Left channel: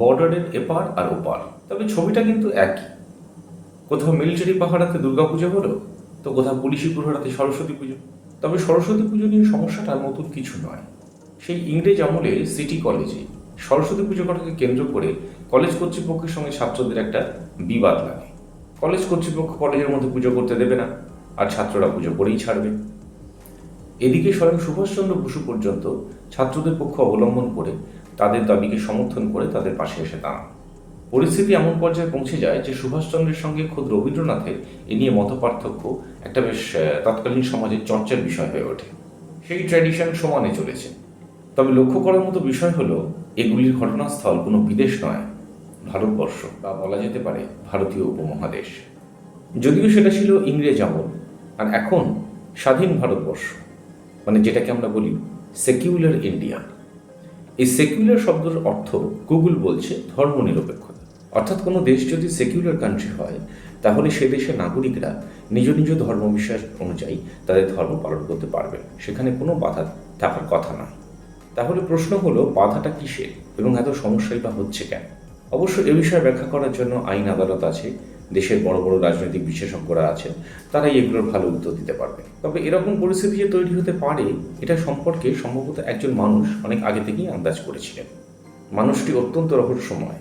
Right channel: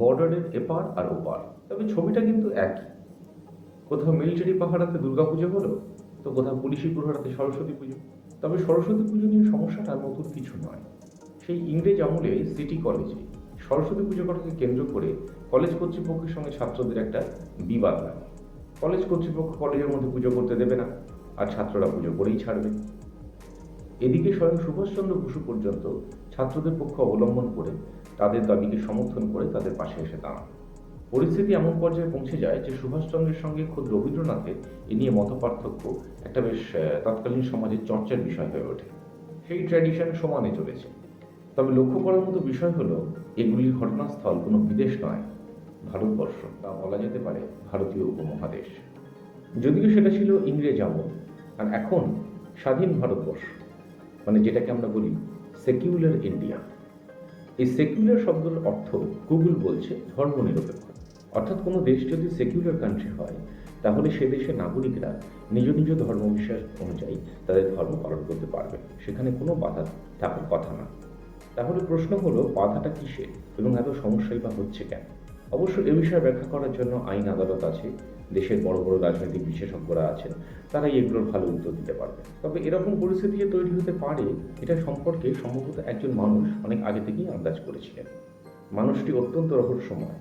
বর্ডারের এপার আর ওপার। তবে ছবিটা কিন্তু একই। কোথাও মিলিটারি পাহাড়াতে দুর্গাপুজো হলো, তো কোথাও পুলিশি প্রহারাতে সরস্বতী পুজো। তবে সরস্বতী পুজো নিয়ে সমস্যাটা নতুন কিছু নয়। সেই ইংরেজ আমলে সিটি কলেজে সরস্বতী পুজো করাকে কেন্দ্র করে কলেজ কর্তৃপক্ষের সঙ্গে ছাত্রদের একটা বিবাদ লাগে। কলেজ কর্তৃপক্ষ কলেজের মধ্যে পুজো করতে দেবে না, আর ছাত্ররা পুজো করেই ছাড়বে। এদিকে স্বয়ং সুভাষচন্দ্র বসু পর্যন্ত ছাত্রদের পক্ষ অবলম্বন করে তাদের দাবিকে সমর্থন করে তাদের পাশে এসে দাঁড়ান। পরিস্থিতি এমন পর্যায়ে পৌঁছে যায় যে সুভাষচন্দ্রের সঙ্গে খোদ রবীন্দ্রনাথের এ নিয়ে মতপার্থক্য একটা বেশ তৎকালীন সমাজের চর্চার বিষয় হয়ে ওঠে। সেই ট্র্যাডিশন সমানে চলেছে। তবে লক্ষ্য করার মতো বিষয় হলো, এগুলির ঘটনাস্থল কোনো বিদেশ নয়, ভারতবর্ষ বা বলা যেতে পারে ভারতীয় উপমহাদেশ। যদিও সেটা ছিল ইংরেজ আমল, আর এখন স্বাধীন ভারতবর্ষ মানে যেটাকে আমরা বলি সেকিউলার ইন্ডিয়া এই সেকুলার শব্দের অর্থ গুগল বলছে ধর্মনিরপেক্ষতা। অর্থাৎ কোনো দেশ যদি সেকুলার কান্ট্রি হয়, তাহলে সে দেশের নাগরিকরা নিজ নিজ ধর্ম বিশ্বাস অনুযায়ী তাদের ধর্ম পালন করতে পারবে সেখানে কোনো বাধা থাকার কথা নয়। তাহলে প্রশ্ন হলো, বাধাটা কিসের এবং এত সমস্যাই বা হচ্ছে কেন? অবশ্য এ বিষয়ে ব্যাখ্যা করার জন্য আইন আদালত আছে। দেশের বড় বড় রাজনৈতিক বিশেষজ্ঞরা আছেন, তারাই এগুলোর ভালো উত্তর দিতে পারবে। তবে এরকম পরিস্থিতি যে তৈরি হতে পারে, এটা সম্পর্কে সম্ভবত একজন মানুষ অনেক আগে থেকেই আন্দাজ করেছিলেন। মানুষটি অত্যন্ত রহস্যময়।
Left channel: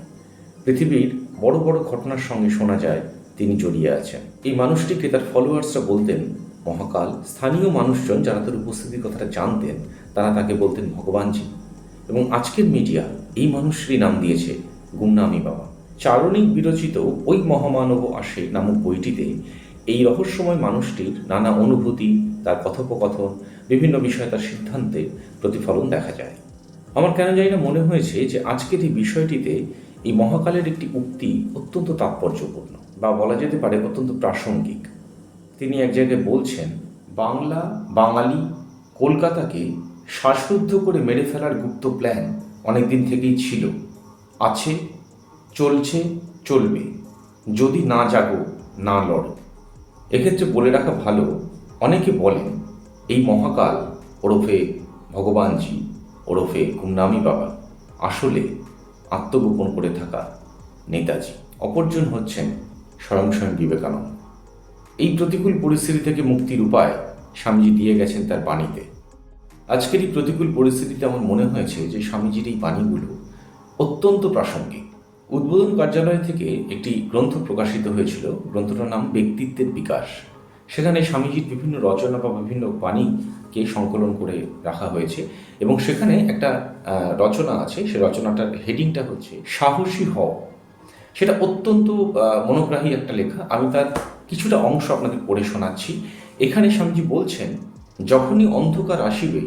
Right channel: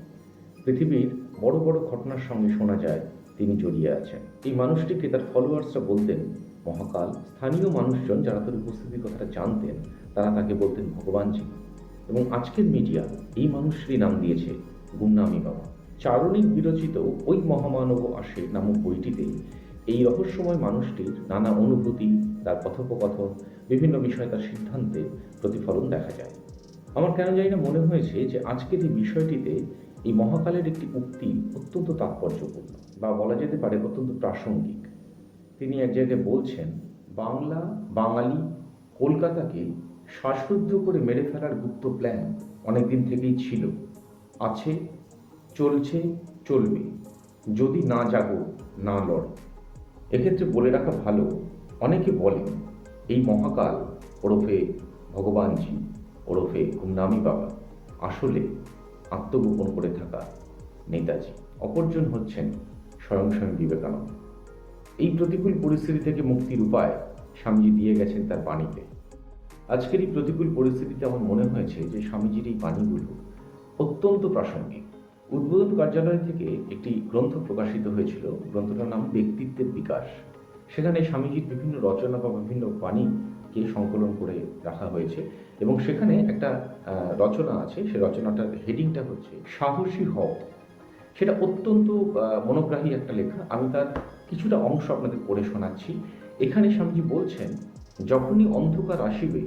পৃথিবীর বড় বড় ঘটনার সঙ্গে শোনা যায়, তিনি জড়িয়ে আছেন। এই মানুষটিকে তার ফলোয়ার্সরা বলতেন, মহাকাল, স্থানীয় মানুষজন যারা তার উপস্থিতির কথাটা জানতেন, তারা তাকে বলতেন ভগবানজি। এবং আজকের মিডিয়া এই মানুষটির নাম দিয়েছে, গুমনামি বাবা। চারণিক বিরচিত ওই মহামানব আসে নামক বইটিতে এই রহস্যময় মানুষটির নানা অনুভূতি, তার কথোপকথন, বিভিন্ন বিষয়ে তার সিদ্ধান্তে প্রতিফলন দেখা যায়। আমার কেন জানি না মনে হয়েছে যে আজকের এই বিষয়টিতে এই মহাকালের একটি উক্তি অত্যন্ত তাৎপর্যপূর্ণ বা বলা যেতে পারে অত্যন্ত প্রাসঙ্গিক। তিনি এক জায়গায় বলছেন, বাংলা, বাঙালি কলকাতাকে শ্বাসরুদ্ধ করে মেরে ফেলার গুপ্ত প্ল্যান অনেকদিন থেকেই ছিল। আছে চলছে, চলবে। যদি না জাগো, না লড়ো। এক্ষেত্রে বলে রাখা ভালো, অনেকে বলেন, এই মহাকাল ওরফে ভগবানজি, ওরফে গুমনামি বাবা, আসলে আত্মগোপন করে থাকা নেতাজি, অপরজন হচ্ছেন স্বয়ং স্বয়ং বিবেকানন্দ। এই প্রতিকূল পরিস্থিতি থেকে মুক্তির উপায় স্বামীজি দিয়ে গেছেন তার বাণীতে। আজকের এই প্রতিকূল পরিস্থিতিতে আমার মনে হয়েছে যে স্বামীজির এই বাণীগুলো অত্যন্ত প্রাসঙ্গিক। উদ্বোধন কার্যালয় থেকে একটি গ্রন্থ প্রকাশিত হয়েছিল। গ্রন্থটার নাম ব্যক্তিত্বের বিকাশ। সেখানে স্বামীজির বিভিন্ন রচনা বা বিভিন্ন বাণীকে সংকলন করে রাখা হয়েছে এবং সেখানে একটা রচনা আছে। সে রচনাটার হেডিংটা হচ্ছে সাহসী হও সেটা অত্যন্ত মনোগ্রাহী একটা লেখা। আমি তার কিছুটা অংশ আপনাদের পড়ে শোনাচ্ছি। এখানে স্বামীজি বলছেন, যখনই অন্ধকার আসিবে,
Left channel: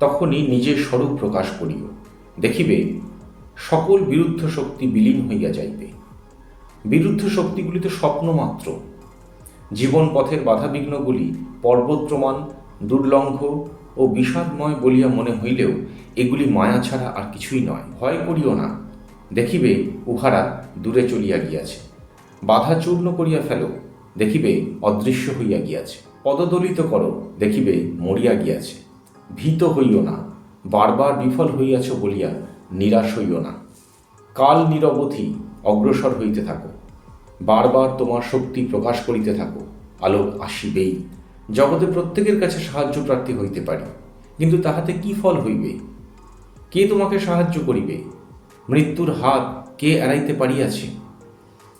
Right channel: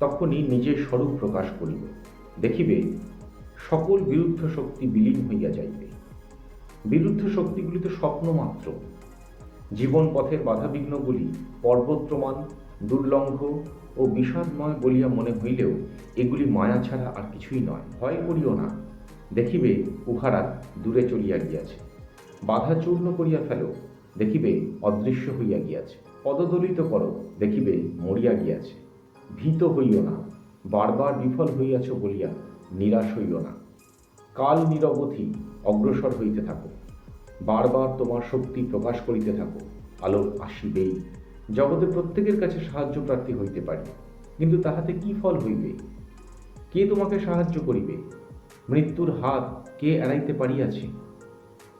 তখনই নিজের স্বরূপ প্রকাশ করিও। দেখিবে সকল বিরুদ্ধ শক্তি বিলীন হইয়া যাইবে। বিরুদ্ধ শক্তিগুলি তো স্বপ্ন মাত্র। জীবন পথের বাধাবিঘ্নগুলি পর্বত প্রমাণ দুর্লঙ্ঘ ও বিষাদময় বলিয়া মনে হইলেও এগুলি মায়া ছাড়া আর কিছুই নয়। ভয় করিও না। দেখিবে উহারা দূরে চলিয়া গিয়াছে। বাধা চূর্ণ করিয়া ফেলো, দেখিবে অদৃশ্য হইয়া গিয়াছে। পদদলিত করো, দেখিবে মরিয়া গিয়াছে। ভীত হইও না। বারবার বিফল হইয়াছ বলিয়া নিরাশ হইও না। কাল নিরবধি অগ্রসর হইতে থাকো। বারবার তোমার শক্তি প্রকাশ করিতে থাকো। আলোক আসিবেই। জগতে প্রত্যেকের কাছে সাহায্য প্রার্থী হইতে পারি। কিন্তু তাহাতে কি ফল হইবে? কে তোমাকে সাহায্য করিবে? মৃত্যুর হাত কে এড়াইতে পারিয়াছে?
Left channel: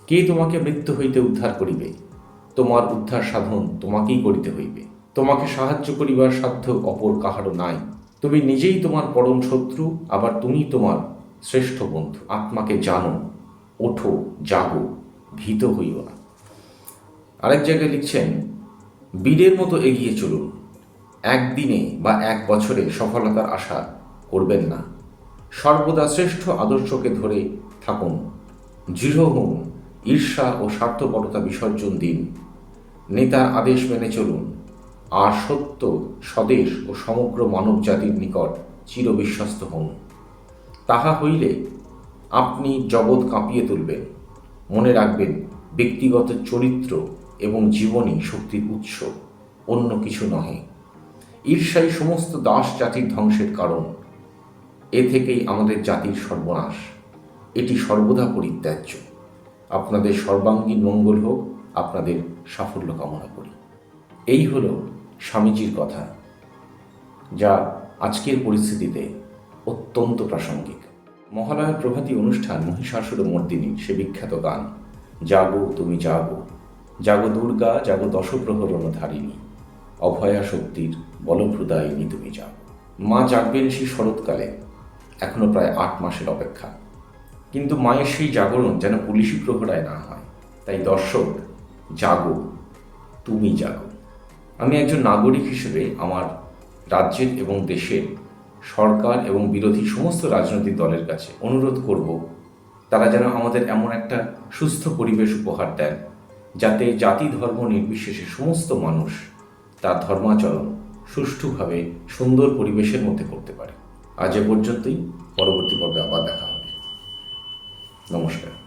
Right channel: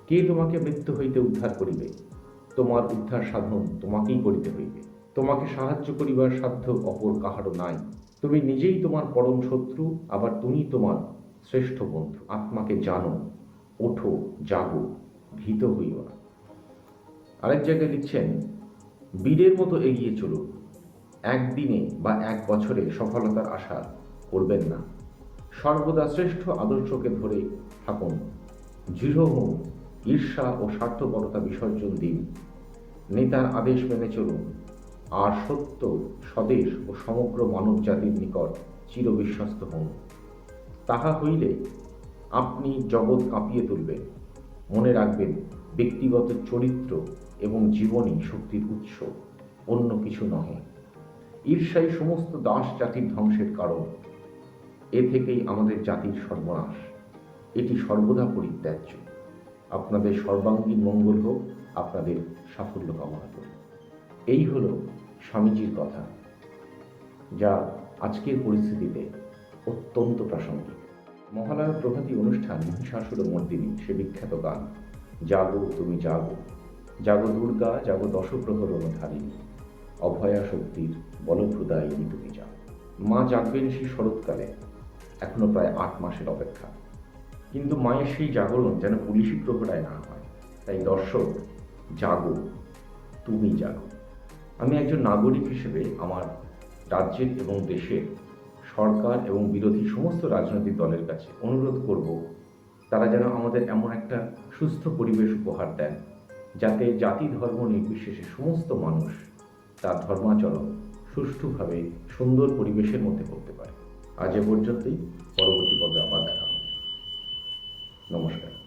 কে তোমাকে মৃত্যু হইতে উদ্ধার করিবে? তোমার উদ্ধার সাধন তোমাকেই করিতে হইবে। তোমাকে সাহায্য করিবার সাধ্য অপর কাহারও নাই। তুমি নিজেই তোমার পরম শত্রু, আবার তুমি তোমার শ্রেষ্ঠ বন্ধু। আত্মাকে জানো, ওঠো, জাগো, ভীত হইও না। আরেক জায়গায় লিখছেন, বীরের মতো এগিয়ে চলুন। একদিনে বা এক বছরে সফলতার আশা করবেন না। সর্বদা শ্রেষ্ঠ আদর্শকে ধরে থাকুন। দৃঢ় হন। ঈর্ষা ও স্বার্থপরতা বিসর্জন দিন। নেতার আদেশ মেনে চলুন। আর সত্য স্বদেশ ও সমগ্র মানব জাতির নিকট চিরবিশ্বস্ত হন। তাহা হইলে আপনি জগৎ কাঁপিয়ে তুলবেন। মনে রাখবেন, ব্যক্তিগত চরিত্র এবং জীবনই শক্তির উৎস, অন্য কিছু নহে। ঈর্ষাই সমস্ত দাস জাতির ধ্বংসের কারণ। এ থেকেই আমাদের জাতির সর্বনাশ। এটি সর্বদা পরিত্যাজ্য। আপনাদের সর্বাঙ্গীন মঙ্গল হোক, আপনাদের সাফল্য কামনা করি। এই হলো স্বামীজির কথা, যা আজকের পরিস্থিতিতে অত্যন্ত প্রাসঙ্গিক। মহালয়ার প্রভাতী অনুষ্ঠান মহিষাসুর মর্দিনী, সে বিখ্যাত গান, জাগো তুমি জাগো জাগো দুর্গা, জাগো দশপ্রহরণ ধারিণী অভয়া শক্তির বলপ্রদায়িনী তুমি জাগো। মা জাগবেন সেই শরৎকালে, এখনও প্রায় আট মাসের অপেক্ষা। কিন্তু মায়ের সেই জাগরণ যেন পুলিশি প্রহরায় না হয়, তাই দর্শক, জাগো, তুমি জাগো। আমি একজন নাগরিক হিসেবে আমার রাজ্যের এবং দেশের সরকার এবং বিরোধী সমস্ত রাজনৈতিক দলের কাছে অনুরোধ করব, তারা যেন আমাদের এমন একটা সুস্থ পরিবেশ উপহার দেন, যাতে জাতি ধর্ম নির্বিশেষে সমস্ত মানুষ তার ধর্মাচরণ সুষ্ঠুভাবে সুন্দর পরিবেশের মধ্যে করতে পারে। আজ এ পর্যন্তই, পরবর্তী পর্বে আবার দেখা হবে। নমস্কার।